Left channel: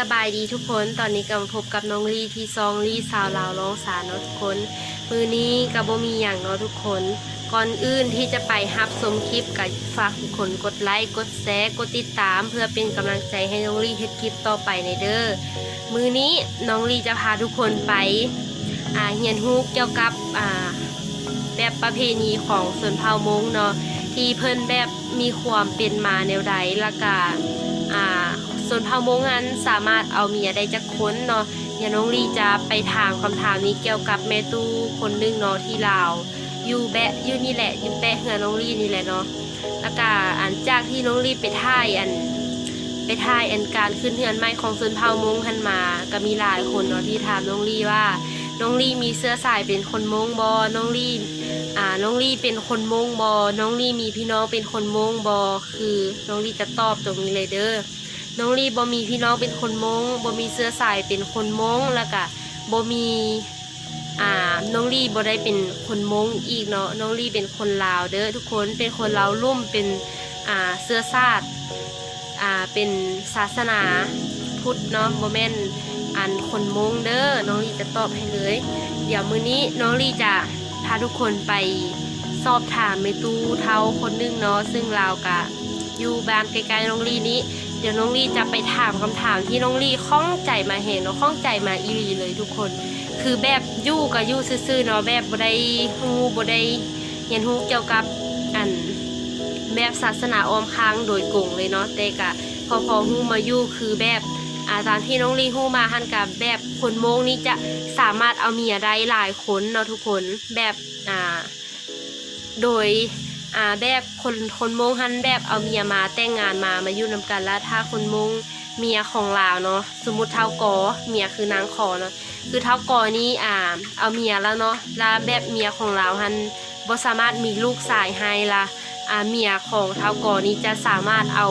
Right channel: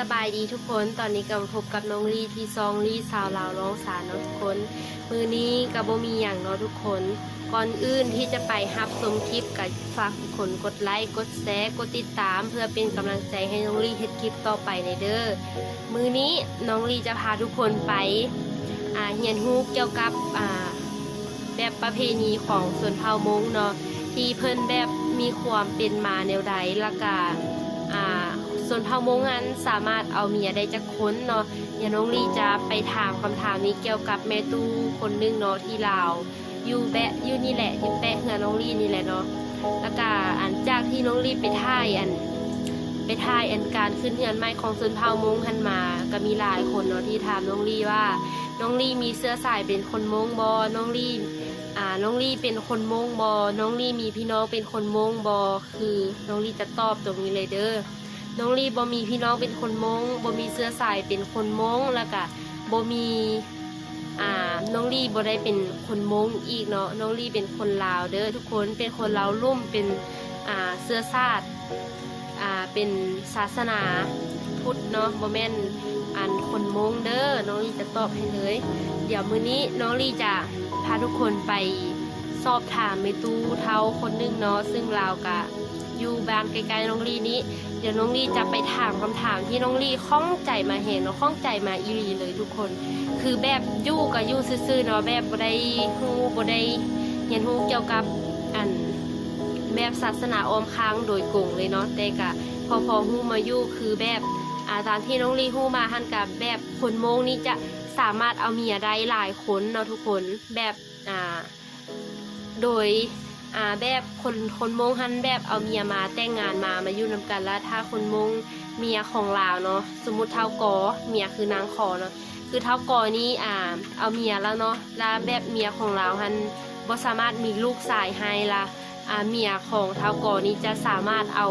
สบายดีทุกคน ตอนนี้กำลังพบกับน้องลีที่ซองลีสาวลาวร้องสารเนาะทุกคน มือนี้กับบมีอย่างเนาะทุกคน ก่อนอื่นที่จะไปฮับชมคลิปกับฝากทุกคนกดไลค์ กดแชร์ กดติดตาม เพื่อเป็นกำลังใจให้น้องลีเฮ็ดคลิปต่อไปในเด้อ มือนี้น้องลีจะพาทุกคนไปเฮียนฮูกเกี่ยวกับแบบประเพณีของส่วนเผ่ามงเนาะที่เพิ่นแบบมีความเป็นมาแนวใดละกา อ่าส่วนเผ่ามงนั้นสามารถเอาเมียได้จากคนเนาะอย่าน้องลีจะไปถามคำถามนี้เกี่ยวกับแม่ตู้คนหนึงเนาะที่ลาวอยู่แบะอยู่นี่แหละอยู่แปะเฮือน้องลีนี่แหละเนาะแล้วก็อันจากที่น้องลีไปถ่ายอันไปถ่ายอันการขึ้นเฮือนไม้ของส่วนเผ่ามงหันมา ก็มีหลายคนเนาะที่ถามน้องลีว่าน้องลี่มีเสื้อสายเป็นคนมงบอน้องลี่ อ่าน้องลี่เป็นคนมงบอ น้องลี่มีพี่น้องเป็นคนมงบอ คือน้องลี่จะตอบตรงนี้เลยเด้อ น้องลี่บ่มีพี่น้องเป็นคนมงบ่มีเสื้อสายเป็นคนมงแล้วก็บ่มีอ่าน้องลี่บ่ได้เป็นคนมงอีกเนาะ น้องลี่เป็นคนลาวเด้อทุกคน เป็นคนลาวลุ่มเป็นอ่าเสื้อชาติอ่าเป็นศาสนาพุทธเนาะโมเมนอันคนมงเด้อน้องลีจะตอบให้เลย เดี๋ยวมื้อนี้น้องลีจะาทุกคนไปสอบถามเมตู้เท่าคนนึงเนาะซึ่งเราวกะอยู่บ้านไกลๆน้องลีนี้ เดี๋ยวน้องลีจะไปถามคำถามที่น้องลีข้องใจมาเห็นเนาะข้องใจมาอีลีเลยทุกคน คือแบบยู่กับยู่ซื่อๆเนาะแบบบ่ได้ฮู้บ่ได้เห็นฮู้เกี่ยวกับอันแบบศาสนาออมค้างโดยกงเลยเนาะแต่กะพอพอฮู้มายู่คือแบบ อาตามที่น้องลีฮู้มาหันกับแบบคนโมงนี่จะสามารถเอาเมียได้หลายคนเนาะทุกคนแบบอ่าโดยอ่าแบบคนคนโมงหันแบบเอาเมียมาแต่งงานมามาอยู่นำกันแล้วถ้าคนโมงเมียของลาวเนาะสมมุติเท่ากอเมียคือนางขอเนาะคือเท่ากอนี้อ่าเอาเมียแล้วเนาะแล้วแบบเมียของเราหันบ่สามารถมีลูกสายให้ละอ่า เมียของเท่ากอนี้จะสามารถเอา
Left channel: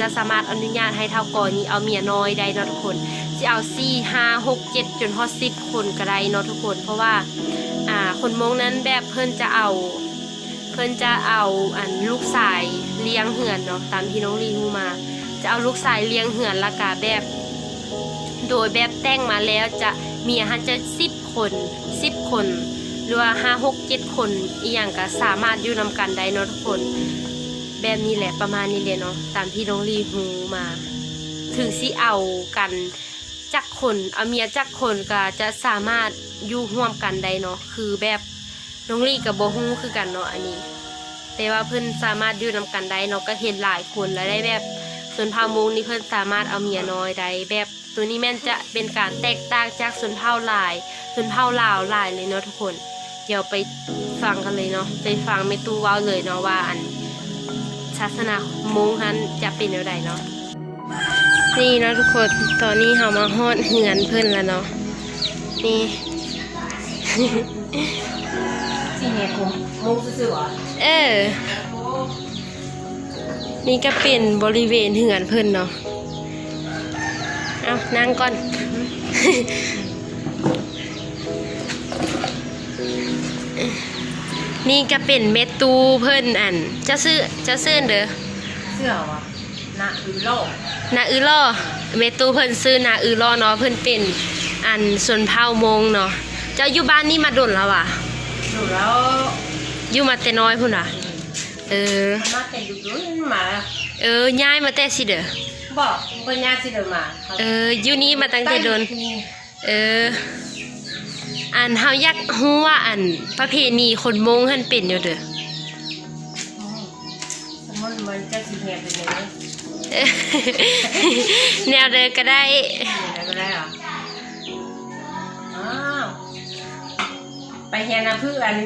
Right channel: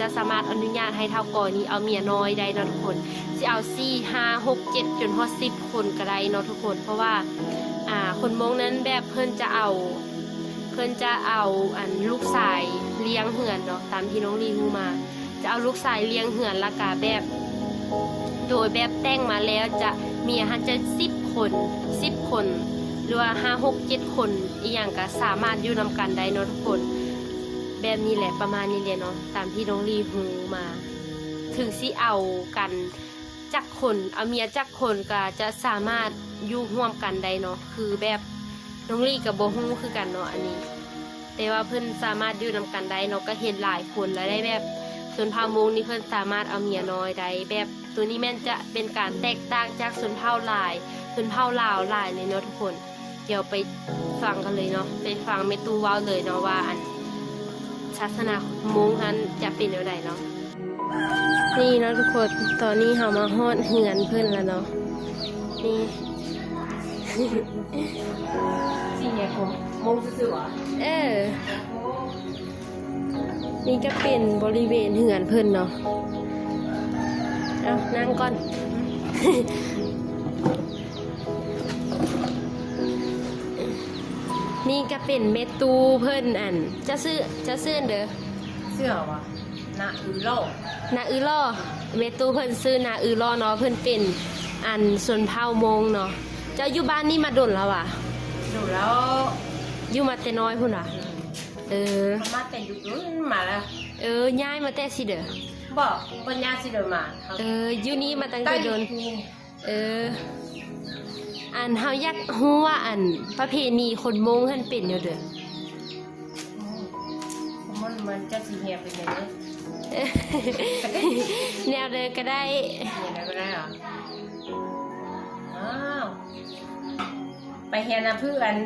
จะสามารถอนุญาตให้เท่ากอนี้เอาเมียน้อยได้นะทุกคนจะเอาสี่ห้าหกเจ็ดจนฮอดสิบคนก็ได้เนาะทุกคน เพราะว่าคนมงนั้นแบบเพิ่นจะเอา เพิ่นจะเอาอันลูกสายเลี้ยงเหือนเนาะตามที่น้องลีฮูมา จะเอาลูกสายเลี้ยงเหือนละกาแบบ โดยแบบแต่งมาแล้วจะเมียหันจะสิบคนสิบคน รือว่าห้าหกเจ็ดคนอีกอย่างก็สามารถอยู่นำกันได้เนาะทุกคน แบบนี้แหละประมาณนี้เลยเนาะตามที่น้องลีฮูมา ถึงสิเอากันจักคนเอาเมียจักคนก็จะสามารถอยู่ร่วมกันได้เนาะคือแบบน้องลีกับโบฮูคือกันเนาะอันนี้ แต่ว่าเพื่อนสามารถอยู่นำกันได้เนาะก็เห็นหลายคนแล้วได้แบบส่วนเผ่ามงนี่เพื่อนสามารถเอาเมียน้อยได้แบบตัวนี้แม่นจะเป็นการแตกต่างจากส่วนเผ่าหลายส่วนเผ่าลาวหลายเลยเนาะทุกคน ดี๋ยวไปฟังกันเลยเนาะไปฟังเมตูเว้าเลยเนาะว่าอันศาสนามงฮันจะเป็นอย่างไรเนาะนี่เนาะทุกคนตอนนี้เรามาฮอดเหือนเพิ่นแล้วเนาะนี่สี่เหตุมงซื่อๆวะเออนี่ก็เป็นบริเวณเหือนเพิ่นเนาะเอานั่งก่อน นี่ก็เป็นเมตูเพิ่นอัน จะซื้อจะซื้อเด้อเสื้อวะหน้าอือโลกนาอือล่อเมตูเพิ่นซื้อนาอือล่อเนาะเพิ่นเป็นอันสนเผ่ามงเนาะเจ้าอยู่บ้านนี่มาดนแล้วอะดูแล้วอยู่มาแต่น้อยพุ่นอะเออมาแต่ดุดุนมาแล้วเออย้ายมาแต่สิเด้อบอกคุณย่าสิเดินมาเอออยู่นี่มาตั้งแต่โดนนี่เออ อันเฮาอยากฮู้ว่าอันประเพณีคนมงหันเป็นอยู่เด้อมันมันจะสิเหตุเป็นยังไงเออแนวเด้อก็ได้อะไรก็ได้เหรออ้าวไปเฮียนนะเพื่อน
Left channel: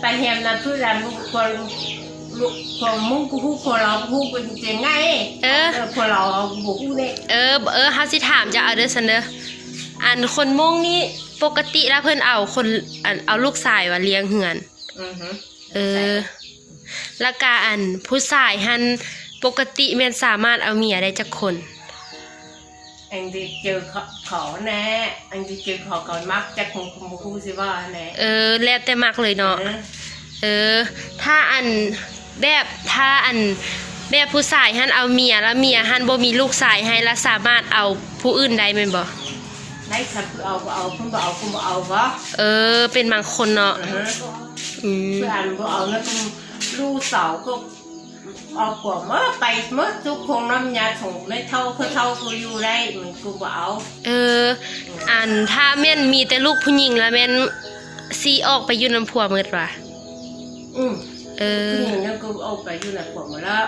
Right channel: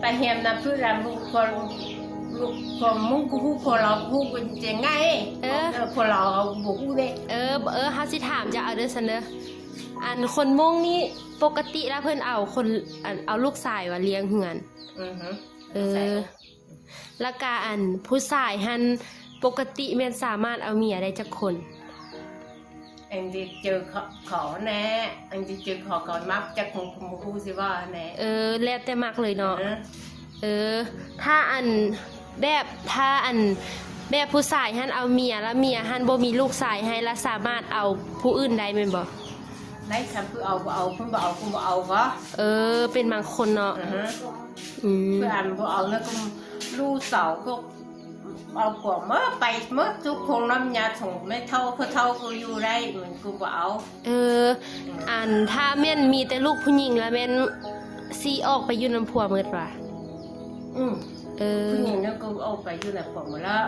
ไปเฮียนนะเพื่อนคนลูกคนมุ่งกูฮู้คนเราฮู้เป็นยังไงเออคนเราบุกฮู้เนี่ยเออเออเฮาสิถามจะเอาเด้อซันเด้อ อันคนมงนี่ปกติแล้วเพิ่นเอาคนอันเอาลูกชายว่าเลี้ยงเหือน อือฮึเออแล้วก็อันผู้ชายหันปกติแม่นสามารถเอาเมียได้จักคน อันที่เจอขอขอแน่อันที่เจอขอก่อนมักจะคงคงฮู้สิว่าแน่เออ แล้วแต่มักเลยเนาะเออเออ ถ้าอันแบบถ้าอันแบบผู้ชายหันเอาเมียแล้วเมียหันบ่มีลูกชายให้แล้วสามารถเอาผู้อื่นได้แม่นบ่ ได้ฉันคือเอาก็เอาคุณบ่เอาคุณบ่เอาก็เออ เป็นบางคนเนาะอือฮะอืมเพื่อนบ่เอานะคุณลูกสาวก็เอากว่าเมื่อไปเมื่อทุกคนน้ำยาส่งไม่เท่าเพื่อเท่ากูอยู่ได้เหมือนกูบ่เอา เออ อันถ้าแม่นมีแต่ลูกผู้หญิงแล้วแม่นซีออกไปอยู่น้ำผัวหมดว่ะอืมเออผู้หญิงนั่นกูเอาไปอยู่ในผมหมดแล้ว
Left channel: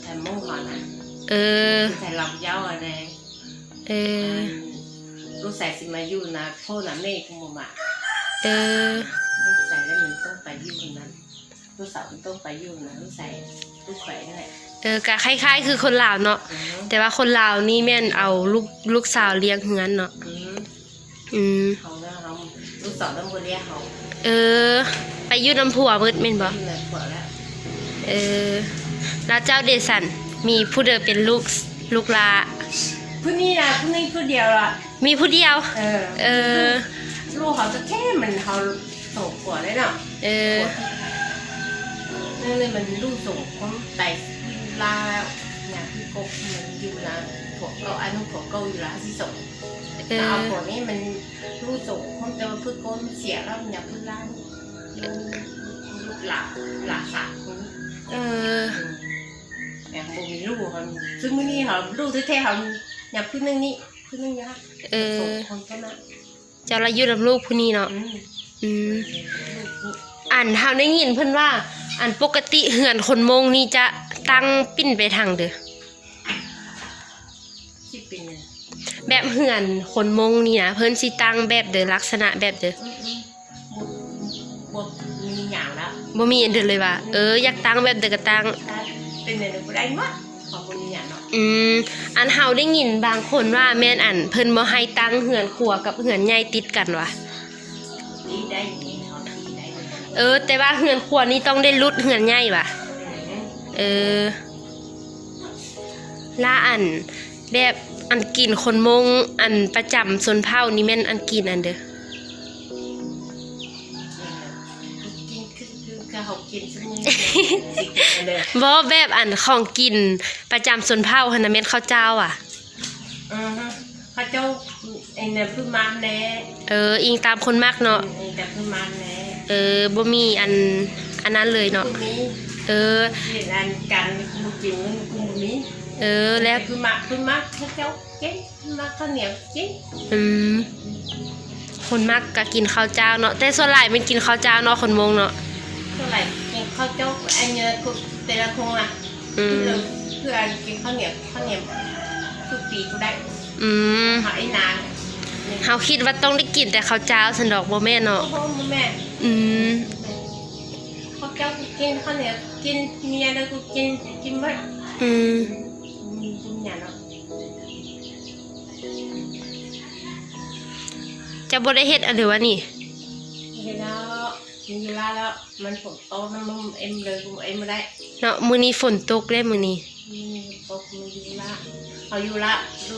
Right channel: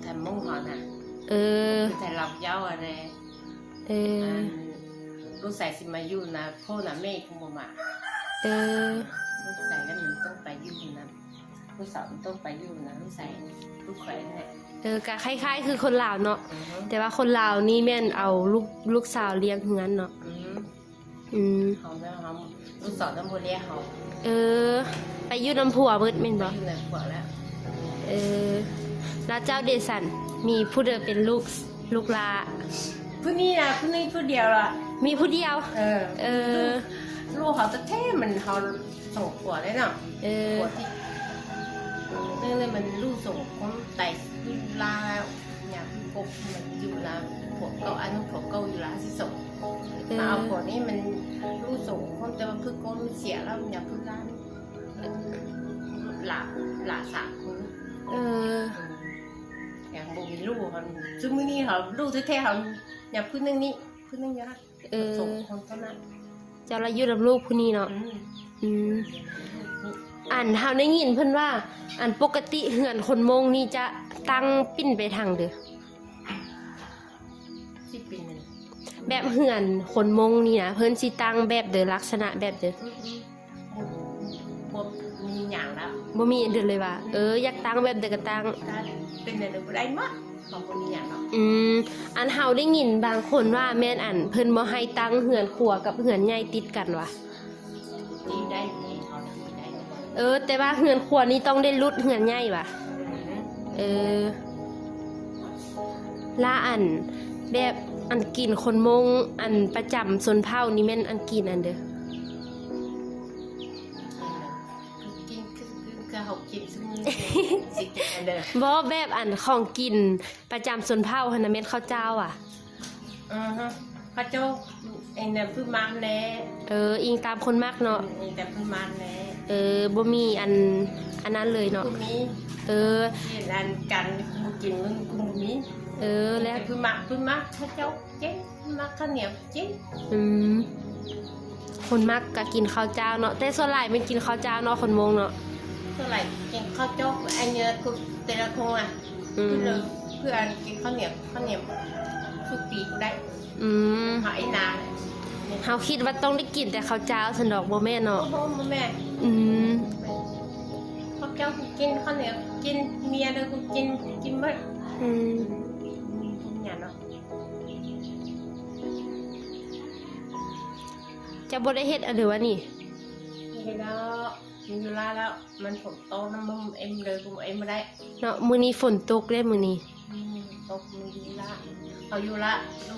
แต่เมื่อก่อนนะเออแต่ลำเย้าอะไรเออ ลูกใส่สิมาอยู่นะพ่อนะแม่กูบ่มาเออลูกใส่แล้วมันต้องไปอยู่นะลูกสาวมันต้องไปอยู่นะลูกใส่ลูกใส่นั่นแหละเออกะคล้ายๆ คือคนลาวเนาะอืมแต่ว่าคนลาวนี่แม่นเอาลูกลูกสาวเลี้ยงเฮือนเนาะอืมอืมเขาเนี่ยเขาลูกสาวต้องมาเรียกเขาเออ ไปอยู่น้ำผัวหมดแม่นบ่อยู่ในขวดแล้วเออแล้วเจ้าเดซันมีผู้เดิมเป็นลูกลูกลา ผู้นี้นะผู้นี้ผู้เดียวล่ะมีผู้เดียว เออ เออ ลูกเขาจะแค่มันเขาส่งขวดเลยเนาะเออนี่เลยมันลูกส่งคนไต่วินลาแล้วเนี่ยคือกบมันอยู่นะผมก็อันนู้นผมก็อยู่ร้านที่ส่งเอเอาอผมนี่มันลูกส่งคนแต่ว่าเพื่อก้นเสียแล้วมันอยากพึ่งร้านหลักหลักสามคนเอออย่างโมมีลูกเขาซึ่งมื่อนี้เขาลูกที่แท้เขา อยากพึ่งนึงนี่พึ่งนึงยากเออส่งคนแค่นั้นเจ้าละอยู่น้ำลูกผู้นี้เนาะอืมอืมลูกนี่อันเฮาได้ยินเพิ่นว่าอันปกติเหือนคนมงนี่จะตั้งปิ้นไปทางเด้อคิดเป็นหนึ่งแบบเหือนคนมงนี่นะเพิ่นสิตั้งแบบเด้อลักษณะแบบเด้ออืมอืมบทมีอย่างแล้วบ่มีอันเด้อเลยว่าเอออยากตั้งแบบเด้อก็ตั้งถ้าเป็นหนึ่งได้หมดข อืมอันเฮาได้ยินบางคนว่าแม่นอันเพิ่นบ่ให้ตั้งเหือนครัวกับเหือนใหญ่ติดกันวะดีได้ดีเขาดีได้เออ แต่ว่าเหือนครัวนี่ต้องได้รุดเหือนใหญ่วะเออล่าอันแบบอันกินคนมงอันประจำชนเผ่านี่แม่นอันกินอันเด้อกินคือคือกระหอบกินซึ่งนี่สิกิน เลยบ่แบบอันของกินประจำชนเผ่าหั่นน่ะแม่นข้าวเจ้าอะ อือฮะพระเจ้าไอ้เนี่ยพึ่งมันแน่เออ อิงตามคนมากเนาะแต่พึ่งมันแน่เออบ่มีอันอันนั้นเลยเนาะ พึ่งมีเออ เห็นอันกันกูกินมึงกูมีเออแล้วพึ่งมันพึ่งมันพระเจ้าเจ๊นักข้าวเหนียวเจ๊อืมคนมากก็กินข้าวเจ้าเนาะแต่ส่วนหลายมันกินข้าวเจ้าเนาะคนมงเนาะ เท่าไหร่กินข้าวเจ้าไอ้เนี่ยกู แต่ละคงอะอืมเพื่อกินข้าวเหนียวข้าวเหนียวทุกปีกูได้อืมหายนานเฮาคิดว่าต้องได้กินแต่ข้าวเจ้าสันดอกบ่แม่นโอ้เนาะโหแม่อืมข้าวเจ้ากูกินข้าวเหนียวกินเมียแล้วกูกินกินบ้างอืมมีกินอย่างแล้วจะบ่ได้เฮ็ดอันเดียววะนี่มีแล้ว มีแล้วแล้วมันฝนตกนะมึงเอ็มเลยกูเอ็มไม่ได้เนาะมื้อนี้ฝนตกแล้วมื้อนี้มีตกมีอยู่ละเขาอยู่ละดู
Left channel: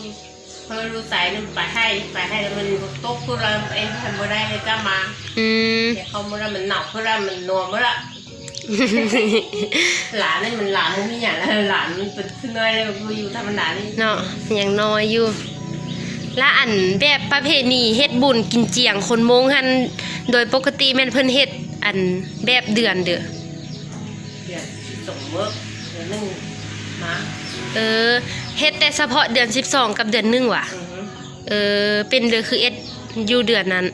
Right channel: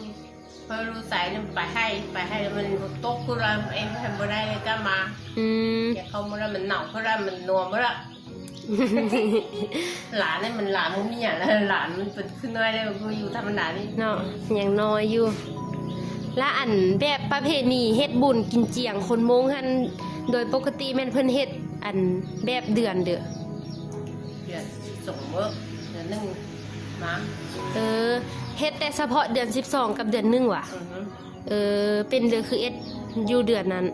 เขารู้สายนี่ไปให้ไปให้แล้วมันตกกูเราเอ็มทำไม่ได้เลยก็มาอืมเนี่ยเขาเมื่อมันหนาวเพื่อมันนัวเมื่อละหลานนี่มันหลานมันมีอย่างแล้วหลานมันเป็นขึ้นน้อยเลยกูอยู่ธรรมดานี่เนาะยังน้อยอยู่ และอันแบบประเพณีเฮ็ดบุญกินเจียงคนมงหันโดยปกติแม่นเพิ่นเฮ็ดอันแบบเดือนเด้อเดี๋ยวส่งเมื่อเดี๋ยวนึ่งนะเออเฮ็ดแต่เฉพาะเดือน 12 กับเดือนหนึงว่ะอือฮึเออเป็นเดือนคือเอ็ดอยู่เดือนนั้น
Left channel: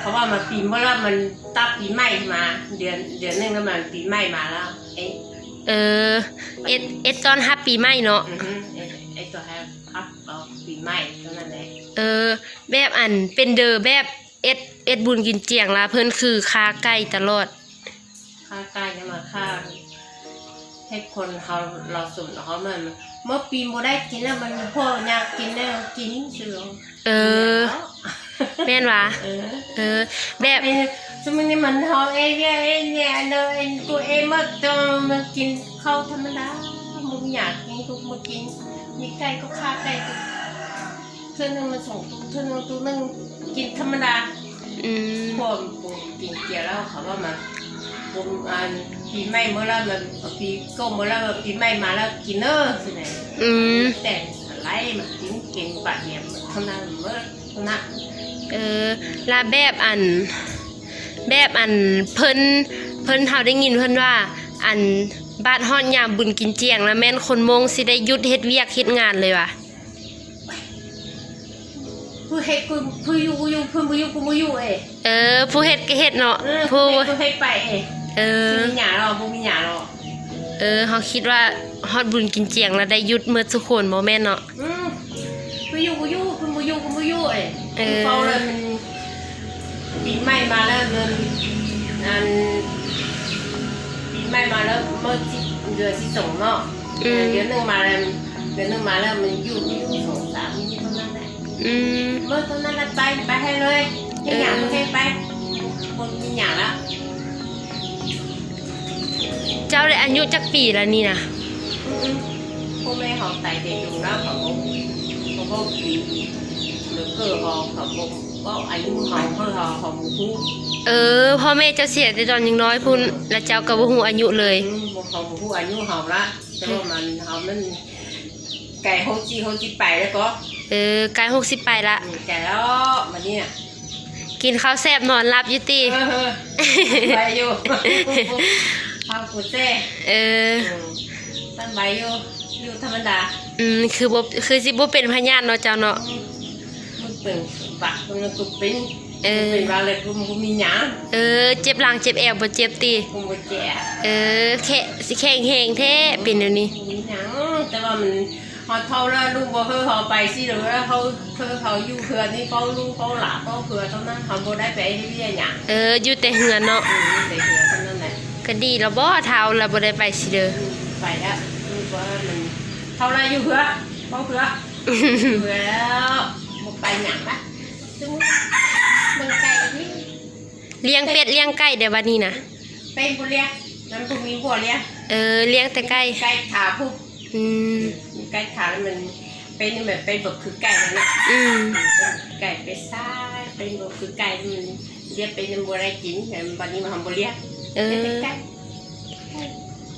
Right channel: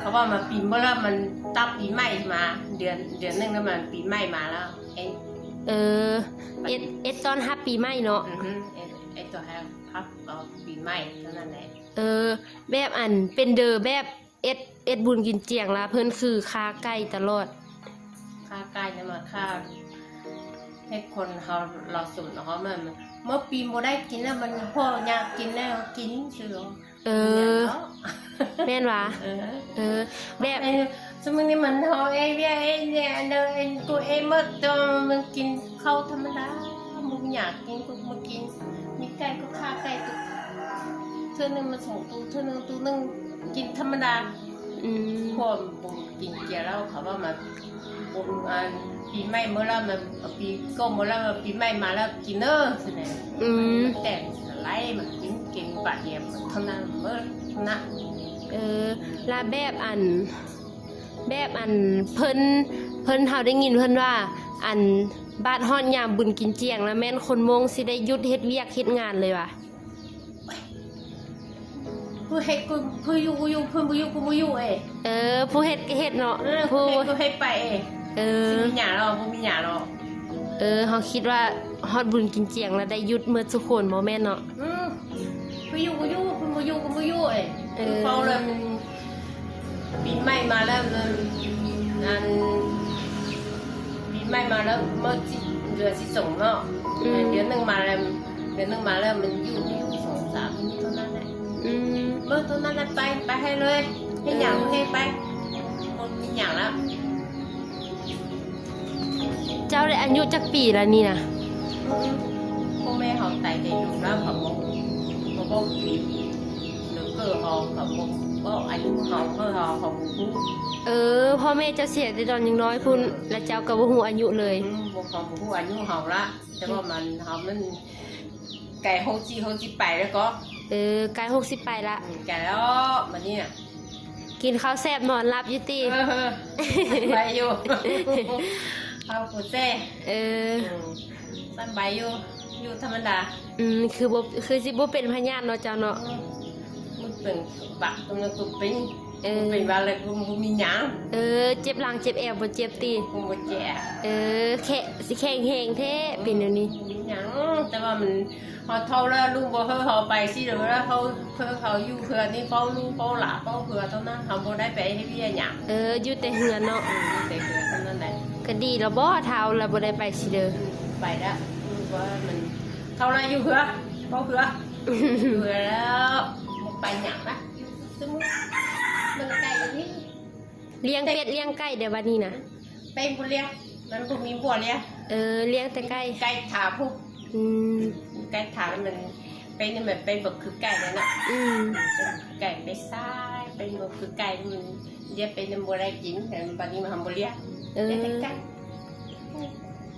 เพราะว่ามันปีเมื่อละมันตับปีใหม่มา เดือนเดือนหนึงแล้วมันปีใหม่มาแล้วเอ๊ะเออเอ็ดเอ็ดตอนฮับปีใหม่เนาะอือฮึเอ๊ะ ใหม่เท่านั้นแหละเออ แบบอันเป็นเดอแบบเอ็ดเอ็ดบุญกินเจียงละเพิ่นคือคาไก่ตลอดค่าใกล้เนี่ยมาค่าให้คนเขาเราสูงเขามันเมื่อปีโมได้กินแล้วมันพ่ออยากกินแล้วกินเสือเออ แม่นวะเออ เออแบบไอ้สมัยนี้มันเขาเอ้เนี่ยเอ้เนี่ยเดินตัวเองมาต้องมากินข้าวธรรมดามึงอยากกินกูมากินมีไก่ก็ฆ่าไก่กู เท่านึงมาส่งตู้เท่านึงตู้นึงกินธรรมดาอืมพวกกินเกี๊ยวแล้วเขาว่ามาบุญอันเฮปีใหม่เมื่อแล้วแบบปีก็เมื่อแล้วปีใหม่มาแล้วกินเนอร์สิไหนอืมแต่ไรมากินเก่งปากเดียมเท่านั้นเมื่อเท่านั้นเออแลาแบบอัน แบบอันเพิ่นเพิ่นเฮาได้ยินเพิ่นว่า อันบ้านฮ้อนยามบุญกินเจียง แล้วแม่นคนมงสิได้หยุดเฮ็ดเวียกเฮ็ดงานเลยว่ะ ผู้เฮ็ดกูผู้อยู่กูอยู่ผู้อยู่กูอยู่เอ้เออ ผู้เฮ็ดก็เฮ็ดเนาะ เออผู้ผู้เฮ็ดผู้เฮ็ดไปเอ้เออมีหยาเราผู้มีหยาเราเออเฮาคิดว่าฮอดบุญกินเจียงแล้วได้หยุดเมื่อทุกคนบ่แม่นเนาะ อืมผู้อยู่กูอยู่ผู้อยู่กูอยู่เอ้เออเขาเลยมันปีใหม่มาแล้วมันอันปีใหม่มาแล้วเมื่อจิเดือนที่สองเนาะอืมเดือนหนึ่งมาแล้วเดือนหนึ่งมาแล้วมันอยู่ที่สองสามนี่เท่านั้นแหละอืม เมื่อตอนนั้นน่ะไปไปให้เลยมีอย่างมึงให้ไปคนมีอย่างแล้วเจ้าได้อายุจักปีแล้วนี่นะพ่อแม่เขาไต่เด็กอยู่แล้วเขาก็เขาก็หรือเกิดเขาเขาก็อายุเขาเพื่อเขาเขาหมู่คู่เออพ่อแม่เจ้าเสียแต่ตอนยังน้อยพุ่นแล้วเจ้าก็บ่ฮู้อายุเลยเขาหมู่คู่อายุเขาละแต่ว่ามันเขามันไก่เขาจีเขาจีไปแล้วก็ เออใกล้60ไปละไก่แล้วมันเนี่ยกินข้าวแซ่บนอนหลับอยู่ติไปอยู่เขาปวดเจ้เออสบายอยู่อยู่ธรรมดาอืมคือบ่คือสิบ่เป็นพยานเนาะเจ้าเนาะมันเป็นบักมันก็เป็นเออเป็นอะไรกูมีหยังเออ เจ็บหลังเจ็บแอวบ่เจ็บติกูบ่แก่เออแค่สิแข็งแฮงแท้เป็นเดี๋ยวนี้มีหยังแต่ว่ามัน พอเท่าแล้วลุงบ่เฮอเขาไปสิหรือว่าเขาเธอเขาอยู่เพื่อนนี่เขาลุงเขาหลาเขาเพื่อเท่านั้นเขาบ่ได้ไปให้เรียนหยังเอออยู่แต่เฮือนเนาะแต่เพื่อเท่านั้นแหละก็ดีแล้วบ่เท้าแล้วบ่ได้ไปสิเด้อไปแล้วเพราะมันเท่าไรอยู่เพื่อเขาเพื่อเพื่อแล้วบ่ไปหยังนะซึ่งมันไกลนิดเลี้ยงเป็ดเลี้ยงไก่เดี๋ยวบัดนี้นะไปบ่เรียกมันคงมีบ่เรียกเออเลี้ยงแต่ไก่ไก่ขาผู้อืม ไก่ขาแล้วมันเป็นแบบเป็นแบบคือไก่นั่นแหละอืมไก่ไปซ้ายเป็นแบบคือไก่มันเรียกเป็นบัวอะไรกินแต่วันนี้มาทำบัวเรียกเอเรียกอเป็นไก่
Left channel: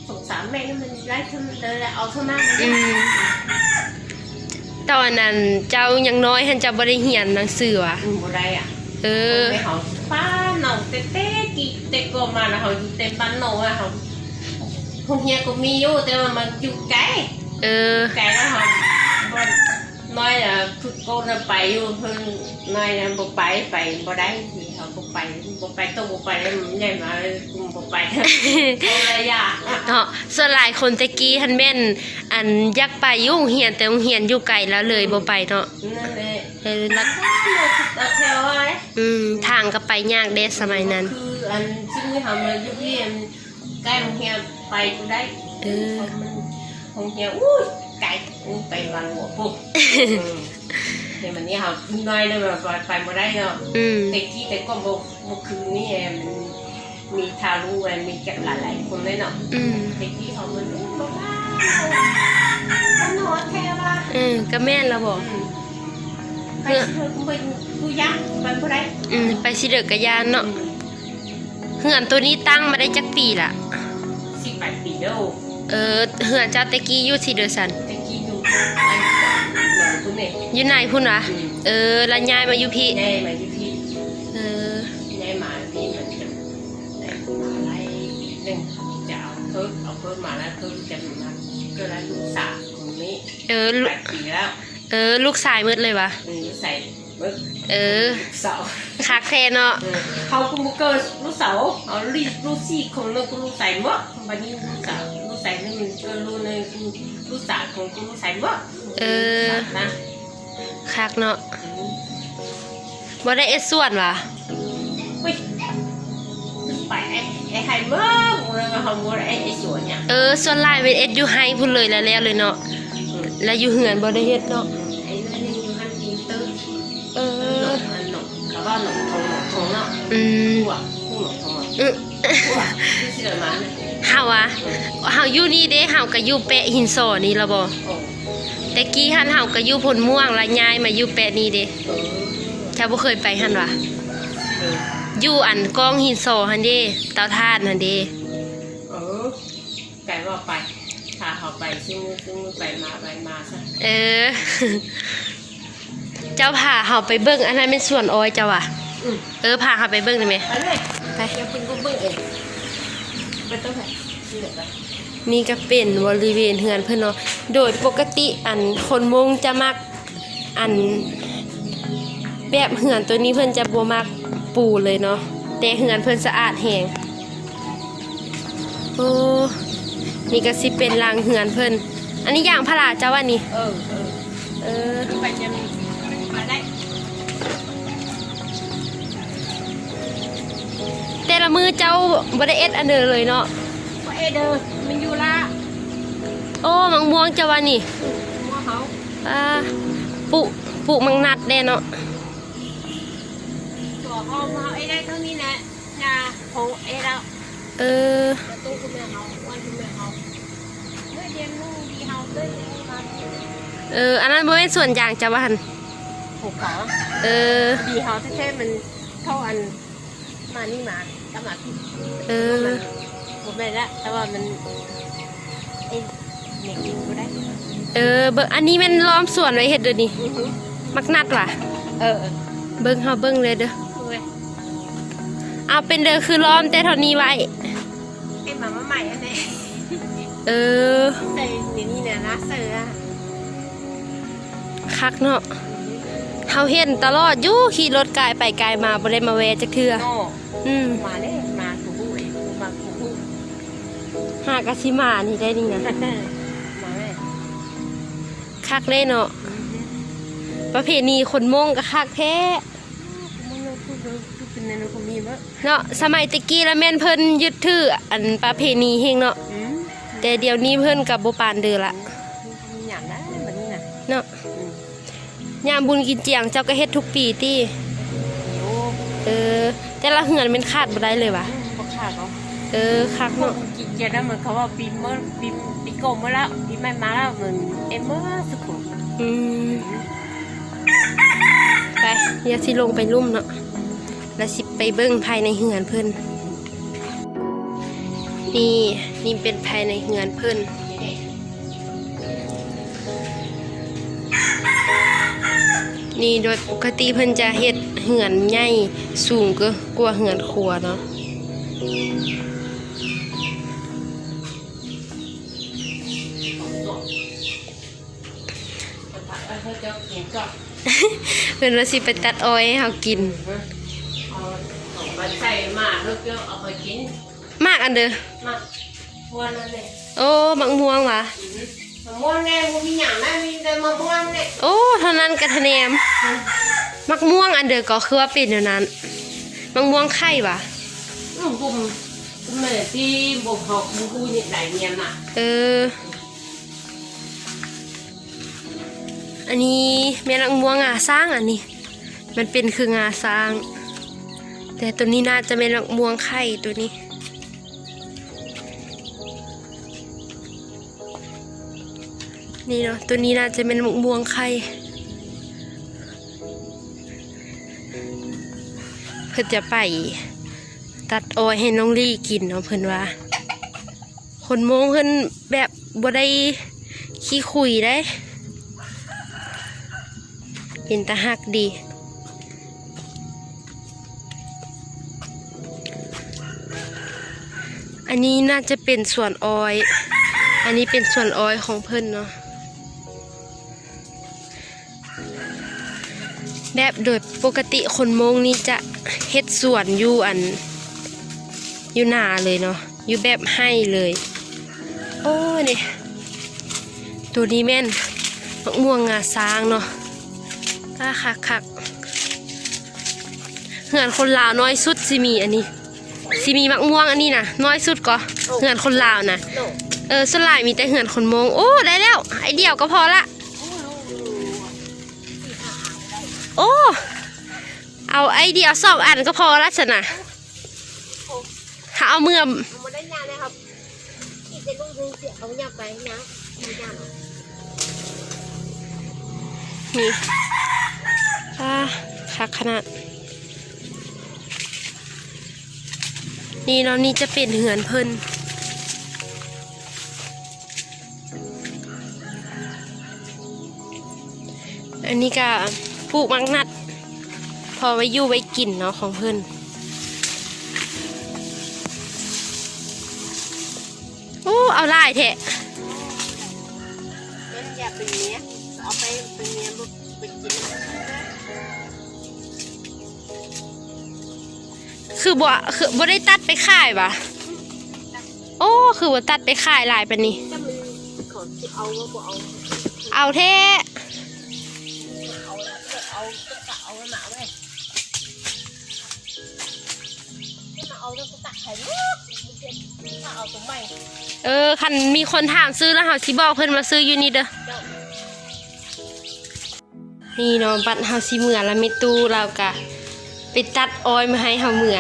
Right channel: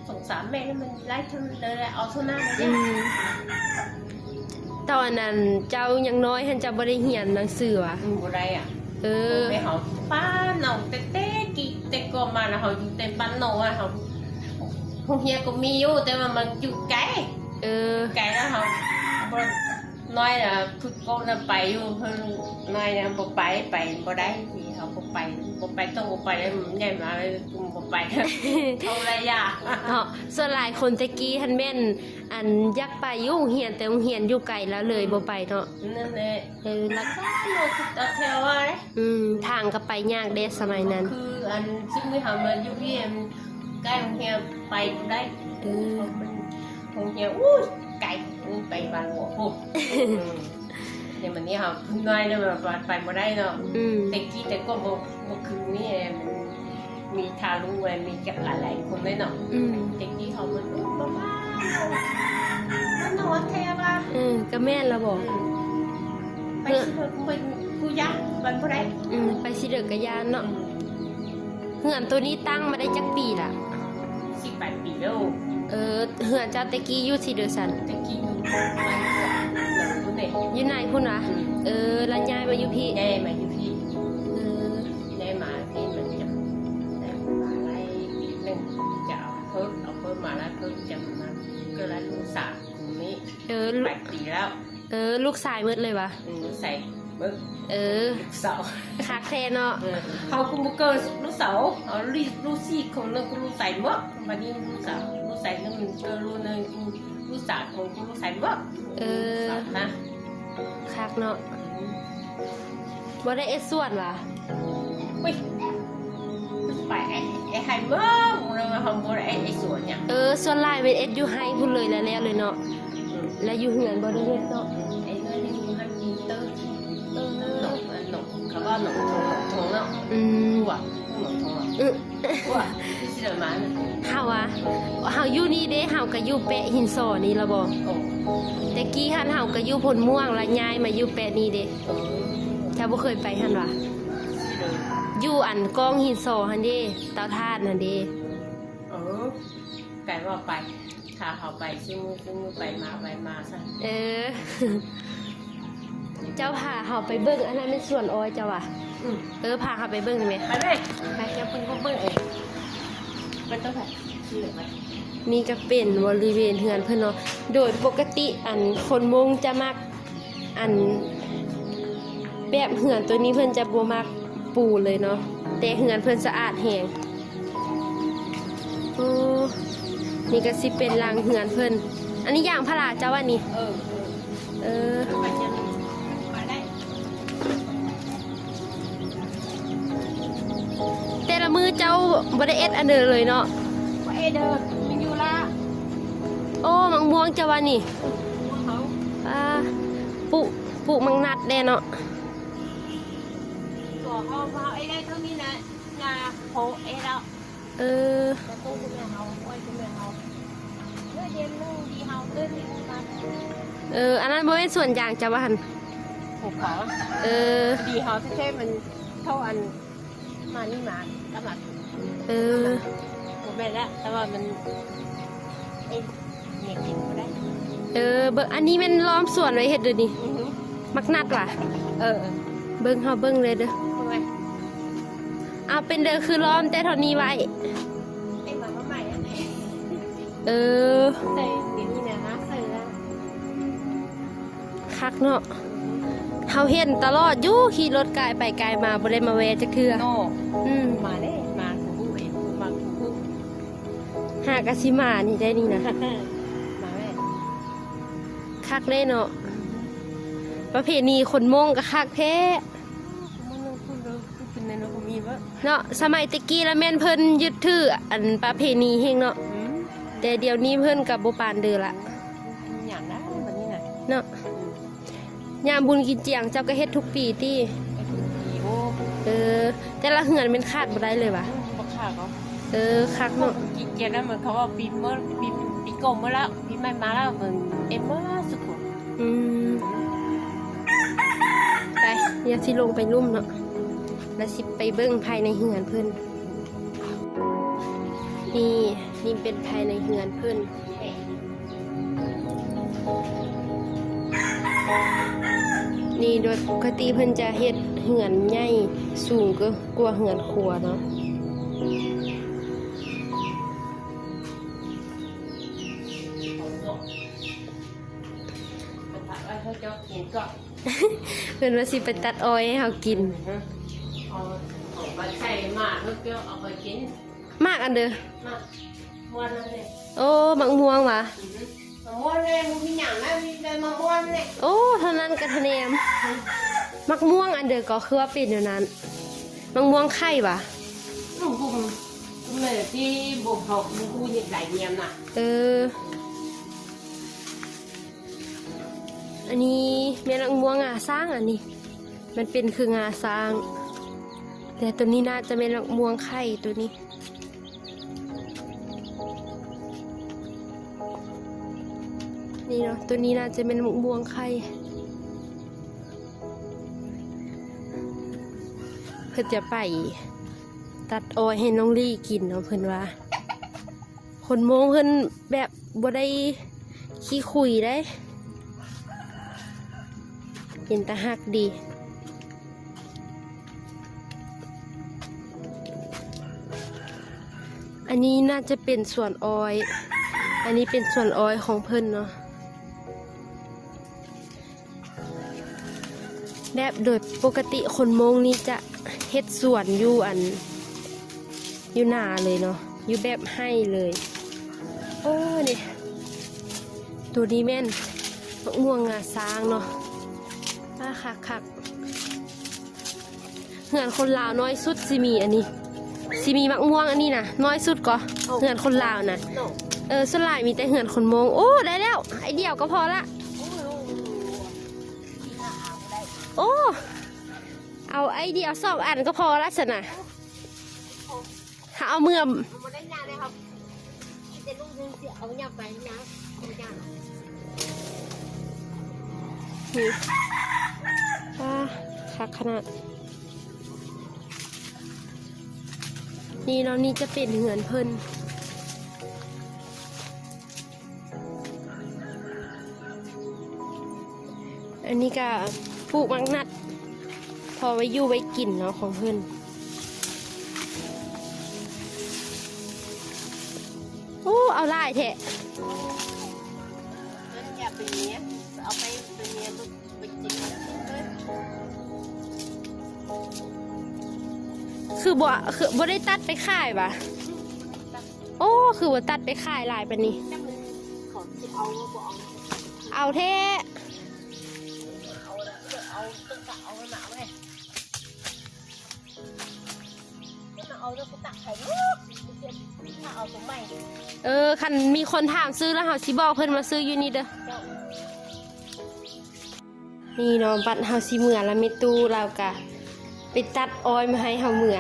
สงสารแม่มันไล่ทั้งเลยเอาเท่านั้นอืมตอนนั้นเจ้ายังน้อยหันเจ้าบ่ได้เรียนหนังสือว่ะบัวอะไรอะเออไม่เขาป้าหน่องเต้เต้กี่เต้ก็มาแล้วเขาเต็มปันโนอะเขาพวกเนี้ยก็มีอยู่แต่ว่ามันจุกไก่ เออไก่แล้วเขาบ่น้อยอะคือโกนไปอยู่เพิ่นน้อยนะบ่ไปไปบ่ได้เขาบ่ไปบ่ไปต้องบ่ไปแล้วมันใหญ่มาเลยบ่ไปอะไรอะเนาะส่วนหลายคนตะกี้หันแม่น อันอยากไปอยู่โรงเรียนแต่โรงเรียนอยู่ไกลแล้วเลยบ่ไปเนาะนั่นแหละเออแล้วเราเทวาเลยอืมทางก็ไปยากเด้สมัยนั้น คืออันซึ่งทำมาอยู่ที่อันใกล้โรงเรียนไปได้เออ มันโร งเรียนอู้ไกลไปวันหัวปุ๊บในวันนี้เขาขึ้นน้อยเลยแบบไปบ่ได้เนาะอืมแต่กี้แต่ก็บ่บ่คืนนี่มันมีทารุแวนมีหลายๆคนเลยเนาะอืมแต่กี้เขามันมันนอนแค่ว่าเออก็แม่นแล้วบอกไปเถอะไปกูยักมันเท่าไรอืมไปสิเด้อกะยานเนาะเฮือนตัวนี้ตั้งมาได้จักปีละสิบแปดปีแล้ว เออเฮือนเจ้าตะกี้อยู่สิเด้อสันแต่กี้อยู่คุณเนี่ยอยู่ไหนพุ่นวะเออแล้วยายมาอยู่พี่แย่มาอยู่ที่เออแย่มาที่มันจะแต่อะไรหนึ่งจะเอาเพิ่มเอาเพิ่มมาแล้วเพิ่มจะมาก็แล้วลูกสาวคนนี้เออลูแปดปีแล้วเออ ลูกสายมืดเลยวะอืมใส่เบิกเออสาวคักแท้เนาะเขาก็มุกเกอร์ลูกสาวเอาลีลูกสี่คนแล้วก็ลูกส่หมดวันนี้ลูกสาว ลูกใส่นั่นมันก็ลูกในลูกสาวของกูลูกใส่หมดเออนะคักเนาะบ่ได้เอ็ดส่วนวะเฮ้ยไปไอ้ไอ้ไฮเบอร์มึงเลยเขาบอกไอ้ไอ้สวนเนี่ยเออส่วนหลายเป็นเอ็ดอยู่ไฮพุ่นเลยแล้วแล้วเลยเนาะแล้วอยู่เหือนบ่ได้เฮ็ดเนาะไอ้เรื่องนี้อยู่ฮันดีเตอร์เอหนอกมันหนกเขาก็หนกทองทองเนาะอืมหัวหัวทองอืมหัวที่ เสือมาเนี่ยเฮาอะเฮาอยู่นี่เด้เฮาก็อยู่แปะหินซอนี่ละบ่โอ้แต่กี้หันเฮาก็อยู่พลม่วงแล้วย้ายมาอยู่แปะนี่เด้เจ้าบ่เคยไปหันวะอยู่อันกองหินซอหันเด้เตาถ่านหันเด้เออไก่ว่าไปถ้าเขาไปซึ่งซึ่งไปมาไปมาซะเออ เจ้าพาเฮาไปเบิ่งอันนั้นเป็นส่วนอ้อยเจ้าว่ะอืมเออพาเฮาไปเบิ่งได้ไหมไปเลยไปยังคุณก็เบิ่งเอง ไปต้องไปเดี๋ยวไปนี่ก็เป็นบริเวณเฮือนเพื่อนเนาะ โดยปกติอันคนมงจะมักอันแบบเฮือนตัวนี้เพื่อนจะบ่มักปูเลยเนาะแต่เฮือนเพื่อนสะอาดแหงโอ้นี่ก็สิเป็นรางเฮือนเพื่อนอันนี้อย่างพระราเจ้าว่านี่เออเออเออไปยังไแต่ละมือเจ้าบ่ได้เอ็ดอันเดอเลยเนาะไปเด้อมันอยู่ละโอ้มังม่วงเจ้าว่านี่หัวเขาอ่าปุปุมังนัดแน่เนาะขอเขาเขาไอ้ได้เท่านี้นะยาของไอ้เราเออประตูคุณแม่เขาวันคุณแม่เขาเมื่อเดือนนึงดีเขาเมื่อเดือนมาเออ อันนั้นบ่เป็นส่วนอย่างเจ้าว่าหั่นถูกขาเออดีเขาแค่มันเท่าอันมานี่มาแล้วมา เออถูไหมละแต่ว่ามันเอ็นเด็กอยู่ได้เออ เบิ่งอันนี้มันล้อมสวนไว้เฮ็ดเดี๋ยนี้มักนัดว่ะ เออเบิ่งเฮาเบิ่งเลยเด้อถูกไหมเอาเป็นเด้อคือล้อมแต่เท่านี้ไว้เอ็นมาใหม่อันนี้เออแต่เดี๋ยวนี้เนี่ยนะเสือคักเนาะเฮาเห็นตลอดอยู่ขี่รถกายไปกายมาบ่ได้มาแวะจักเทื่อโน่อืม มาเลยากะสิมานี่ได้นี่นะมาเลยคักได้เนาะประเพณีคนมงก็คักแท้มันพูดเป็นในนกูมีบ้างเนาะสมัยตะกี้แล้วแม่นเพิ่นยึดถืออันประเพณีเฮงเนาะอืมแต่เดี๋ยวนี้เพิ่นกับบ่ปานเดือละอยากได้แบบนี้นะเนาะยามบุญกินเจียงเจ้าก็เฮ็ดทุกปีติโอ้เออแต่ละเฮือนเป็นขาดบ่ได้เลยว่ะบักขาดเขาเออคักเนาะกิน เจแล้วเหมือนเขาว่าปีเมื่อปีปีโกงมาแล้วปีใหม่มาแล้วเหมือนเอ็มเมื่อสุขุมอืมไปอย่าสิลงไปลุ่มเนาะแล้วสิไปเบิ่งภายในเฮือนเพิ่นนี่นี่เป็นภายในเฮือนเพิ่นนี่โดยปกติเพิ่นจะเฮ็ดเหือนใหญ่สูงก็กว่าเหือนครัวเนาะ เพิ่นว่าสิไปตัดอ้อยให้เฮากินเอาใส่มาเพื่อเอาไปกินมากอันเด้อมาม้วนนั่นเลยโอ้มักม่วงว่ะม้วนไงมันมีอย่างนั้นมีแต่มะม่วงเนี่ยโอ้เท่านั้นกะทะแนมมักม่วงอันเด้อก็คือว่าเป็นอย่างนั้นมักม่วงไข่ว่ะบุ่มบุ่มเมื่อที่บุ่มหอกบุ่มอูนี่หลายเนียนน่ะเออ อันนี้แม่นักม่วงาสร้างอันนี้ มันเป็นคืองาสร้าง แต่ตัวนี้น่าจะเป็นม่วงไข่ตัวนี้นี่เนาะตัวนี้น่าจะเป็นมะม่วงไข่เพื่อจะไปตัดอ้อยให้น้องลี่กินเนาะเพื่อนว่าคนมองเพิ่อนแบบบ่ได้ขี้คุยได้ เป็นตาหักดี อันนี้น่าจะเป็นส่วนออย อันนี้เป็นส่วนออยของเพิ่นเนาะ แบบโดยปกติคนมงนี่จะเฮ็ดส่วนอยู่อันอยู่หนาเลยเนาะ อยู่แบบให้เลย โอ้เนี่ยตัวนี้แม่นมะม่วงงาช้างเนาะ อ่าคักคักเหือนคนลาวน้อยสุดสิมีอันนี้สิมีมะม่วงอันนี้นะน้อยสุดก็เหือนคนลาวนะโน่เออสลายมีแต่เหือนคนมงโอ้ได้แล้วไอเดียวก็พอละโอ้เอาไอเดียวสองอันก็พอละสนะถ้าเอาเมื่อมาได้งานเลยครับอีกจะลูกดูเสียเอาอยากไปนะ นี่อ่าคักขนาด นี่เล้วนี่จะเป็นเหือนเพิ่นอันนี้ก็ปลูกมังนัด พอไว้ยู่ไว้กินเนาะของเพื่อนโอ้ เอาไล่แทะมันอยากเป็นเนี้ย คือบ่คือบ่ได้ตัดไปขายปะโอ้คือว่าตัดไปขายหลายปานนี้ถ้ามันเขาจะเอาก็บอกเอาเอาแท้เอาแล้วจะเอาจะเอาหนาเว้ยมาเอาแล้วก็ตักไข่มาเอาตรงไหนเออคันมีคนถามซื้อแล้วเฮาสิบอกเพิ่นมาซื้ออยู่นี่เด้อนี่เนาะบัดเฮาสิเมื่อแล้วมีตู้เราก็ ไปตัดอ้อยมาให้เฮาเมื่อ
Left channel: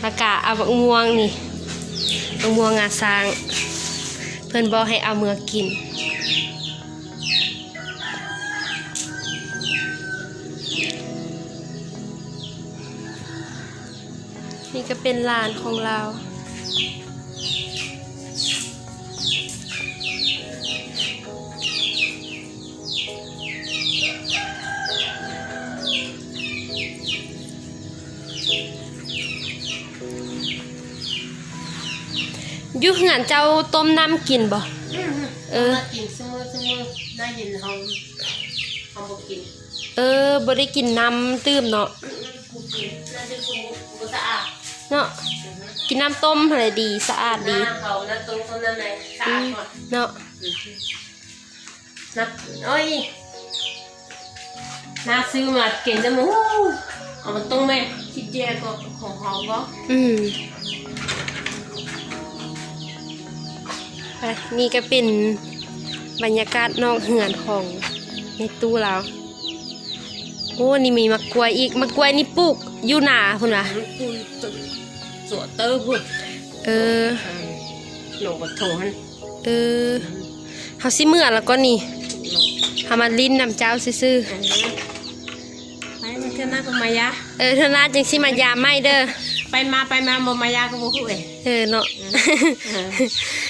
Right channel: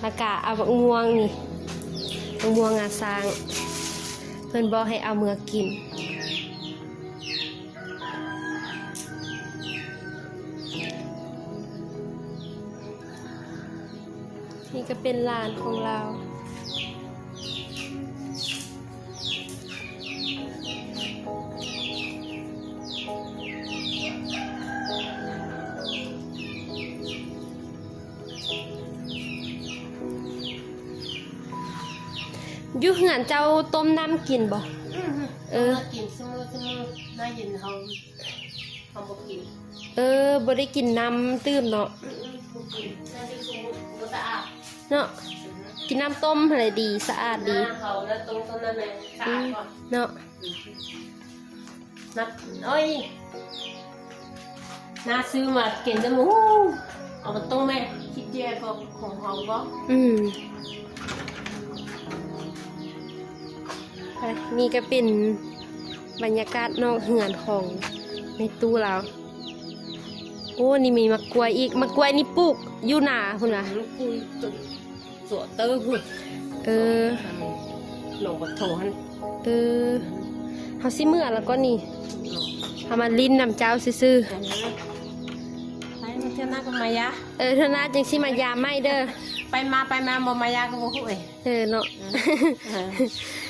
แล้วก็เอาบักม่วงนี่บักม่วงงาซาง เพื่อนบอกให้เอาเมื่อกินนี่ก็เป็นลานของเรา อยู่เหือนเจ้าต้มน้ำกินบ่ เออ กินซึ่งซึ่งได้ยินเขาเขาบอกกินเออบ่ได้กินน้ำตื้มเนาะน่าจะคุ้มสะอาดเนาะ กินน้ำต้มอะไรดีสะอาดหดีน้าเขาหน้าตรงตรงนั้นเลยสะอาดก่อนเนาะ นับโอ้ยน้าซื้อมาเก็บได้หมูเอามันตรงไหมคิดแย่ก็ของเขาก็อืม นี่ก็เป็นบรรยากาศนอกเหือนของในตู้เราโอ้นี่มีมะกล้วยอีกมะกล้วยนี่ปลูกอยู่หนาคุณวะกูสวดเตอร์คุณเออหลงกับโถหันเออเฮาสิเมื่อแล้วก็นี่เฮามาลิ้นนำเจ้าซื่ออันนี้ไปมันจะน่าเป็นมายาๆเออเธอน่าจังสิมายามไม่เด้อ ไปมาไปมาโมมายาก็โมคุยเออเนาะ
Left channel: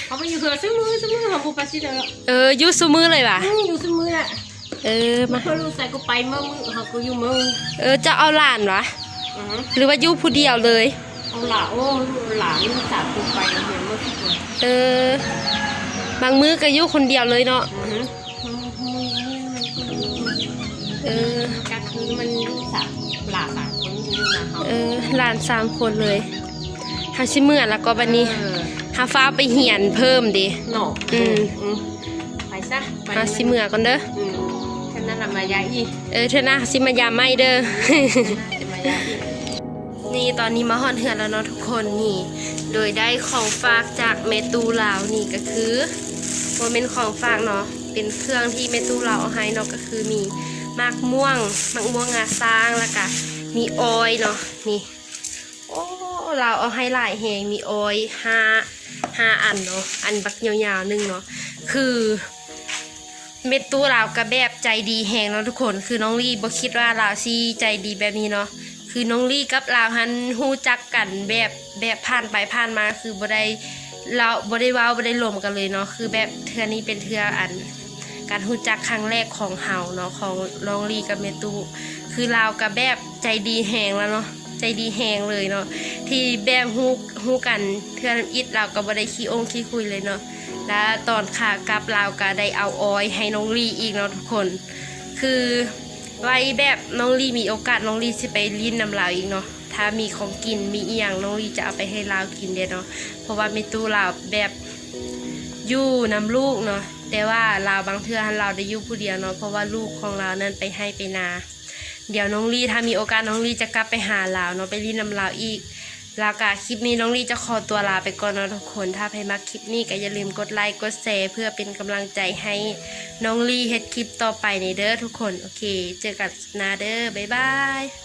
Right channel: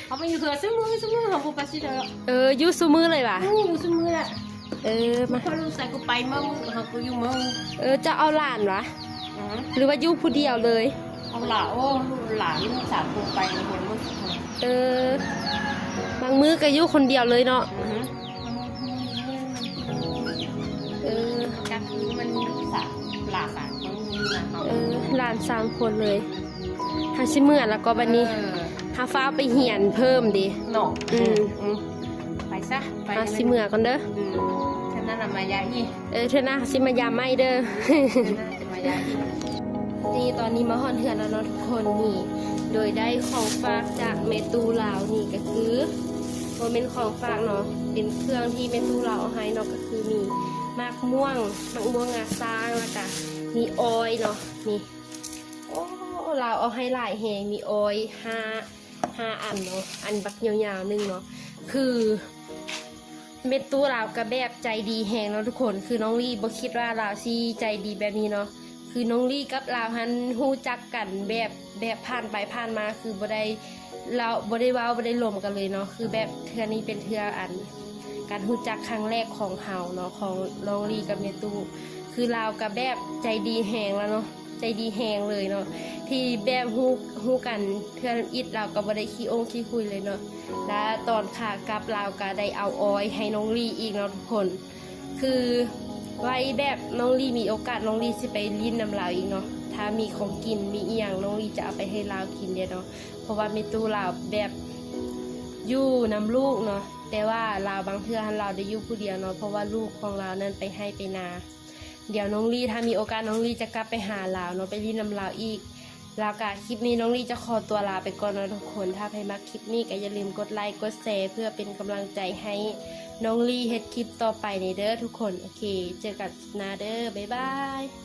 เขาไปอยู่เถอะซื้อมือซื้อมือของกูไปสิเถอะเอออยู่ซุมือเลยว่ะอยู่ซื้อมือแหละเออมาก็รู้ใส่กูไปเมื่อมือเขากูอยู่มือเออจะเอาหลานวะอ่าหรือว่าอยู่ผู้เดียวเลย เอาหล่าโอ้หล่าลูกสาวกูไปเห็นเมื่อสิบคนเออ บางมื้อก็อยู่คนเดียวเลยเนาะ อือฮึเออก็คือมันลูกสาวหล่าสาวคนนี้นะเขา เออหลานสามคนเลยเฮาสิเมื่อแล้วก็บัดนี้เออเฮาฟ้าไปเหียนเพิ่มดิหนอกอืมอืมไปซะไปเฮาสิเมื่อก่อนเด้ออืมแค่นั้นน่ะมายาอีเออเธอหน้าสิมายามไม่เด้อมายาอีนี่ตอนนี้มาฮอนเหือนแล้วเนาะทุกคนนี่ โดยได้ของฝากจากเมตูลาวนี่ก็คือโมเมนของฝากเนาะเป็นเครื่องที่เมตูลาวเอาให้เนาะก็คือมีมากม่วงมากม่วงงาซางแล้วก็มีออยเนาะนี่โอ้ เราเอาให้หลายแหงมีออยห้าห้าอันเนาะอันบักยาวๆหนึงเนาะคือเม็ดตู้เราวก็แบบใจดีแหงเนาะทุกคนคือน้องลี่บ่คิดว่าเราวซีใจดีแบบนี้เนาะคือน้องลี่กับเราวหันฮู้จักกันแบบแบบผ่านไปผ่านมาคือบ่ได้เราบ่ได้ว้าบ่ได้ลมกันเลยเนาะคือแบบเทือนี้เป็นเทืออัน การฮู้จักครั้งแรกของเฮาเนาะของน้องลี่กับเมตู้คือเราวกับแบบใจดีแหงแล้วเนาะ ใจดีแหงเลยเนาะที่แบบฮู้ฮู้กันเทื่อนอิดเราก็บ่ได้ขี้องขี้คุยเลยเนาะและตอนขากลับเราก็ได้เอาออยให้น้องลีอีกเนาะทุกคน คือไว้แบบน้องลีมีโอกาสน้องลีสิไปลิ้นนำเราอีกเนาะถ้ามีของกินมีอีหยังน้องลีจะเอาไปให้เรากินเด้อเนาะเพราะว่ามีตู้เราแบบอยู่นำลูกเนาะแต่ว่าเราบางเทื่อเราได้อยู่ผู้เดียวเนาะเพราะว่าลูกของเรานั้นไปให้ไปนา เดี๋ยวน้องลีถ้ามีโอกาสน้องลีจะกลับไปหาเราเนาะไปลิ้นนำลาวอีกแล้วก็คลิปนี้น้องลี่จะขอตัวลาไปก่อนนะทุกคนถ้าใครมาคลิปนี้ก็อย่าลืมกดไลค์กดแชร์เพื่อเป็นกำลังใจให้น้องลี่เฮ็ดคลิปต่อไปในเด้อทุกคนโอเค เจอกันคลิปหน้าเด้อบ๊ายบาย